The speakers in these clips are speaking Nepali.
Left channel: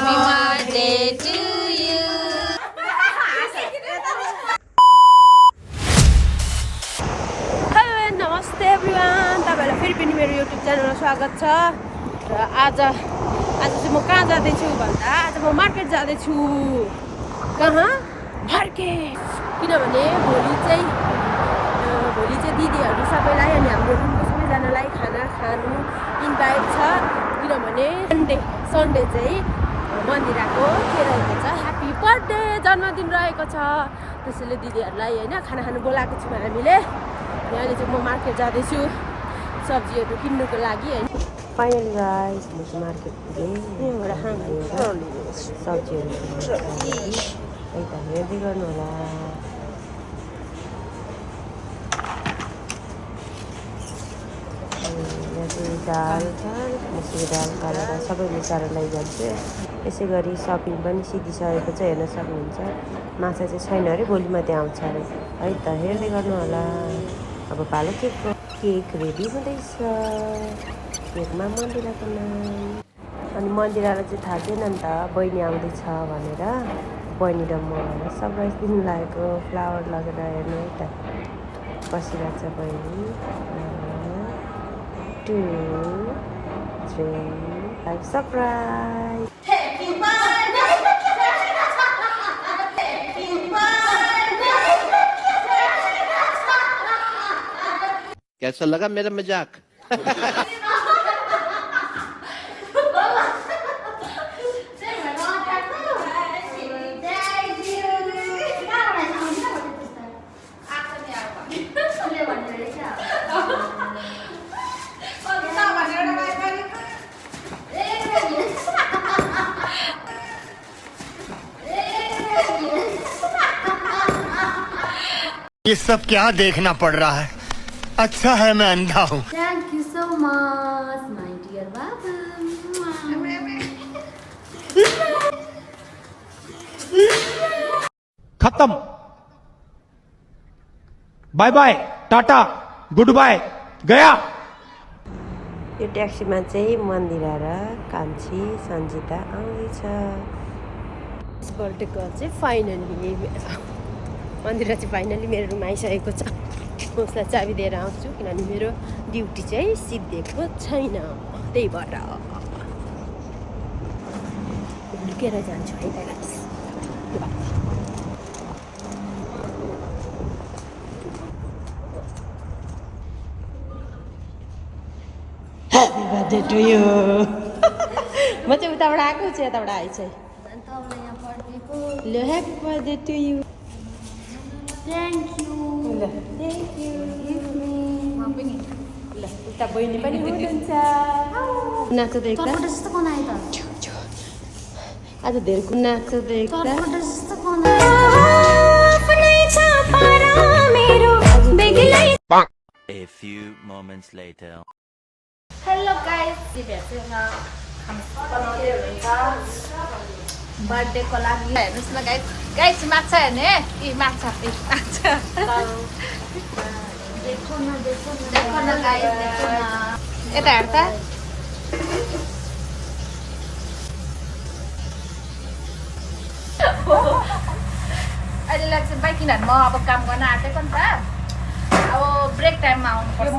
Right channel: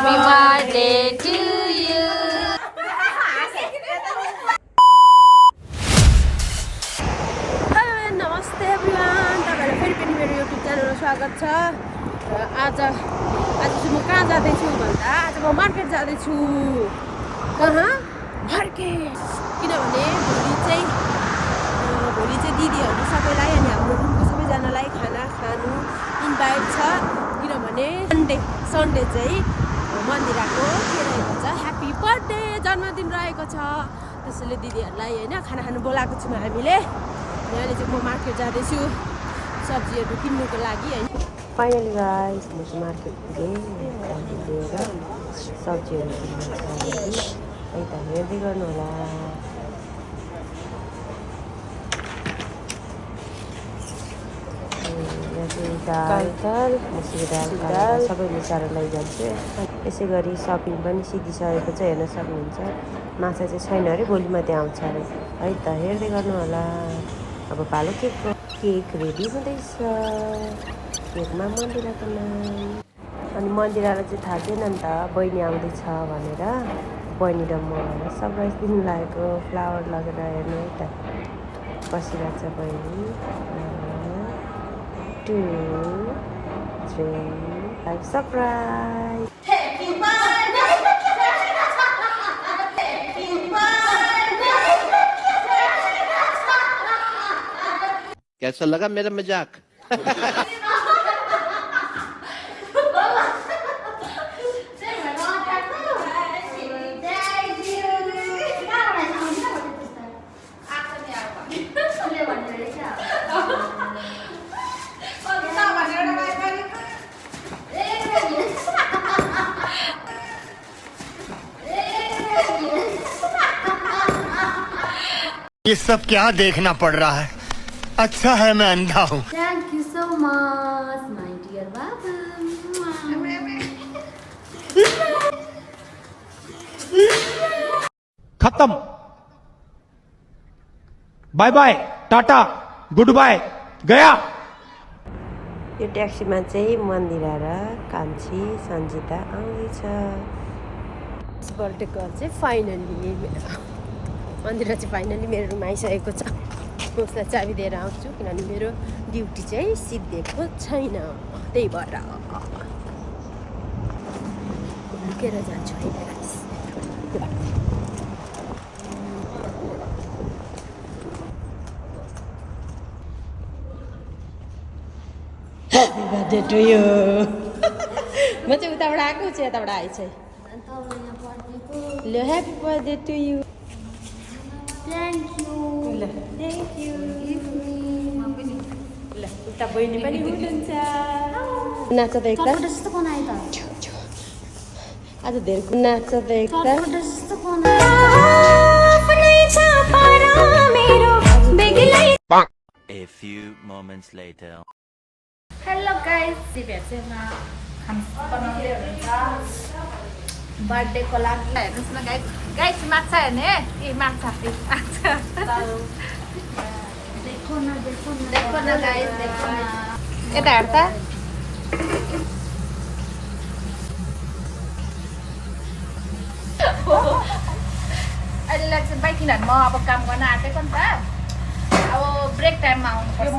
Happy birthday to you. Hello, namaste everyone. तपाईहरुलाई फेरि पनि मेरो YouTube च्यानलमा स्वागत छ। र आज चाहिँ म कहाँ जाँदै छु भन्दा आज म मार्केट जाँदै छु। कहाँ? मार्केट। किनभने भोलि चाहिँ दिदीहरु सबैलाई अनि हाम्रो रुमको सबैजनालाई खाना खानु इन्भाइट छ। किनभने सन्डे चाहिँ मन्दिराको के रहेको छ, ह्यापी बर्थडे जन्मदिन रहेको छ। त्यसैले दिदीहरुलाई हैन खाना खानु बोलाएको छौँ हामीले। अनि अहिले चाहिँ म मार्केट जाँदैछु सब्जीहरु किन्नुको लागि हैन। फाइनली गाइस म चाहिँ मार्केट पुगेँ सब्जीहरु किन्नु छ है त हेर्दै गर्नु होला। दाल मुसुरी दाल काला सबै मिसाएर लैजान्छु। यसै गरी सपिङ पनि सिकिसकेको छ, हेर्न सक्नुहुन्छ। माछा चाहिँ छैन अरे, भोलि मात्रै आउँछ अरे है त हेर्दै गर्नु होला। अब भालो केक रेडी हुँदैछ। केकमा मन्दिराको नाम अनि मन्दिरालाई चाहिँ थाहा थिएन नि त बहिनी आउँदैछ भनेर। बहिनी र म सरप्राइज दिनु लागेको फ्लावर लगेर हेर्नु है त बसिरहेको छ बहिनी। 2, 3, 5 सरप्राइज। कैसा लगा मेरा मजाक? ये सब क्या देखना पड़ रहा है? अच्छा है मैं अंधा हूँ। Thank you so much, my dear Baba. खत्म। Bye bye, tata, good bye, गया। यो ट्याक्सीमा चाहिँ मन्दिरा र कान्छी सन्जिता आउँदैछ। बर्थडे गर्ल चाहिँ फाइनली मन्दिरा चाहिँ फाइनली मेरो रुम आइसकेको छ। म उसलाई चाबी दिएर आउँछु किनभने मेरो ड्युटी चाहिँ सिद्धिएको छैन, त्यही भएर लुकेर जान्छु है त guys. Happy birthday to you. म चाहिँ उताबाट आएको छु, यताबाट आएछ। ल happy birthday to you. Thank you. ल थ्याङ्क यू। ल उता बहिनी पनि हुनुहुन्छ। नाच्छ त एकता। जस्तो बनाए त। आज धेरै नाच्छ त एकता। जस्तो बनाए। A few moments later. Hello guys, दिदीहरु चाहिँ खाना बनाउँदै हुनुहुन्छ बर्थडेको लागि। हेर्नुहोस् न गाइस, गाइस माछा हेर्ने ए माछा देखो न गाइस, देखो न यता हेर त। अहिले लाग्छ बाइक किनभने म अब काम गर्न आँटेको नि त, अब ब्रेक टाइममा आउनुपर्छ।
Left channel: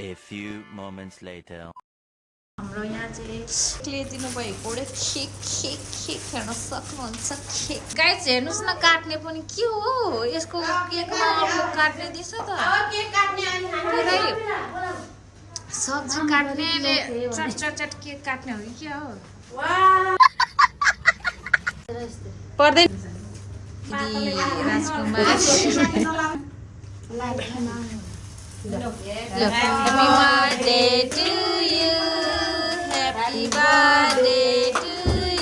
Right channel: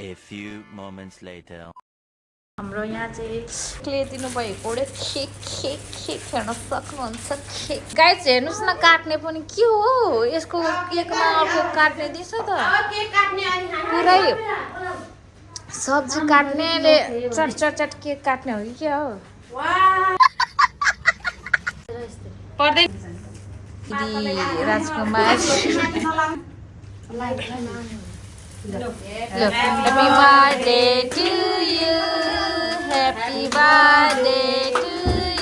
A few moments later. हाम्रो यहाँ चाहिँ क्ले दिनुभएको केक हेर्न सक्नुहुन्छ। गाइस हेर्नुहोस् न, काट्ने पनि के हो यसको केकमा अब काट्ने दिन्छ त पुरै सब्जी काट्नेले चट केक काट्ने हो कि के हो? पर्दैन राजकुमार। Happy birthday to you. Happy birthday to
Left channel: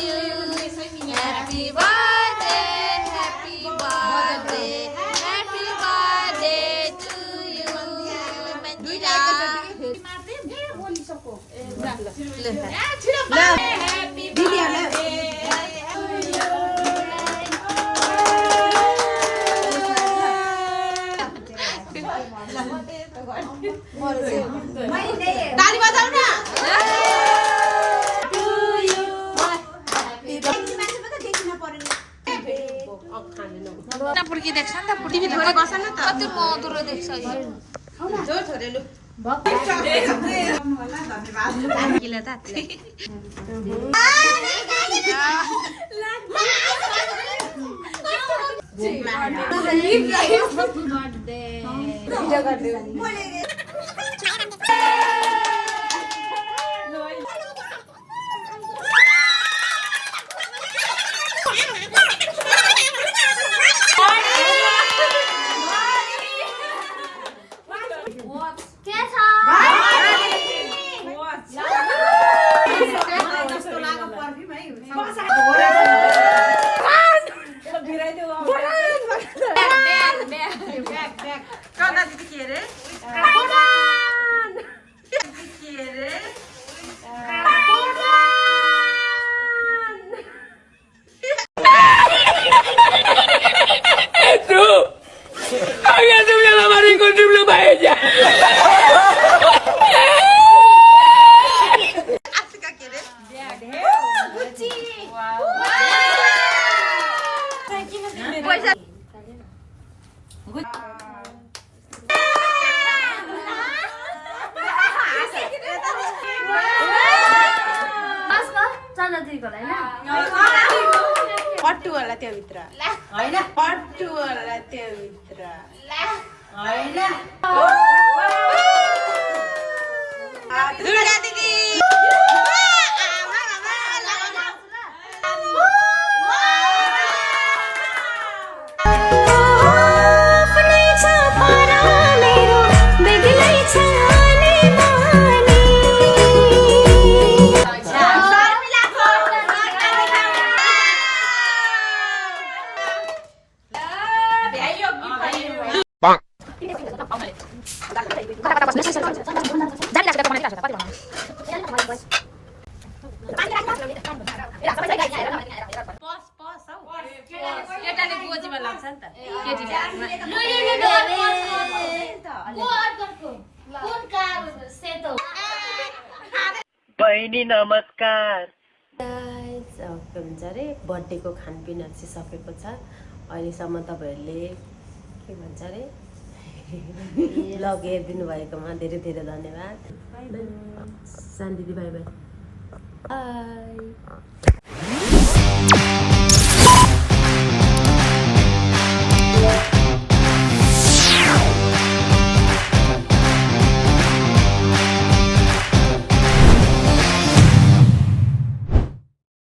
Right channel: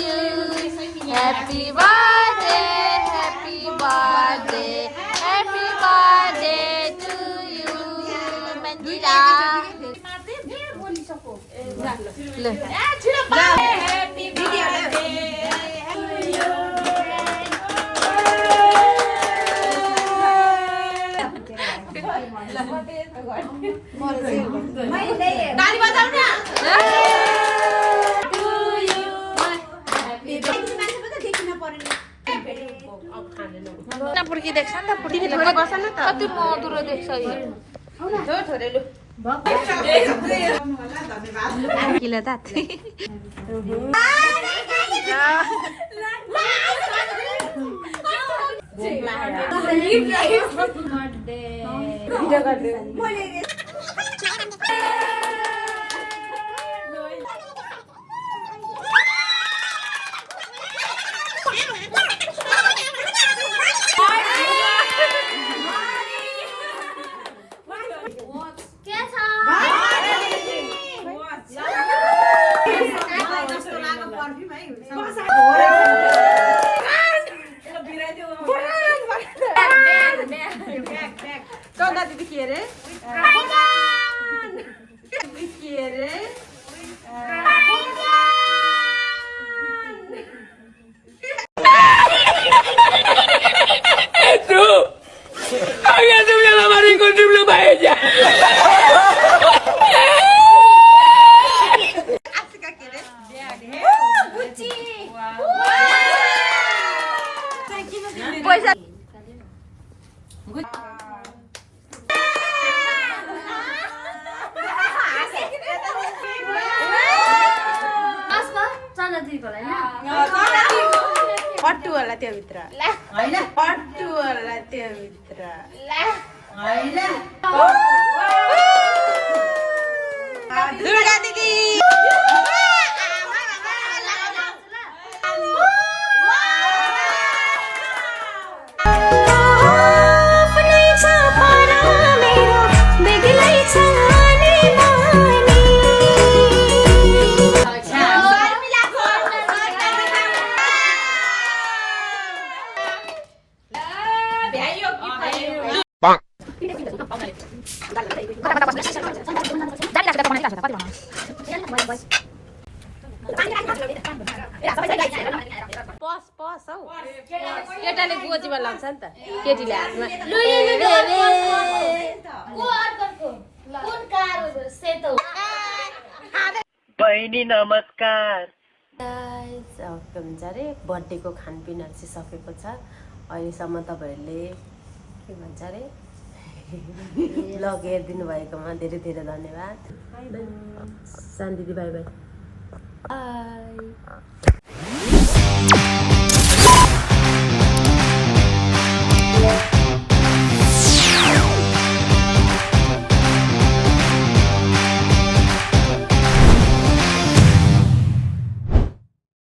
you. Happy birthday, happy birthday, happy birthday to you. Mandira. Happy birthday to you. पुर्की देख्छ नि त पुर्कीले कति मधुरो देख्छ यो पुर्कीले त चन्दा दिदी के अरे पट्टु होला त्यो भित्र हैन पट्टु होला त्यो भित्र हैन दुर्गा दिदी केटाले गोजीमा लाग्छ नि त केटीले बहिनी नमस्कार के भन्छ अरे बर्थडेको खानपिनहरू चाहिँ सकेको छ अहिलेसम्म तपाईँहरूले के भन्छ अरे ब्लग हेरिदिनु भएकोमा धेरै धेरै धन्यवाद शान्ति दिदी बाई बाई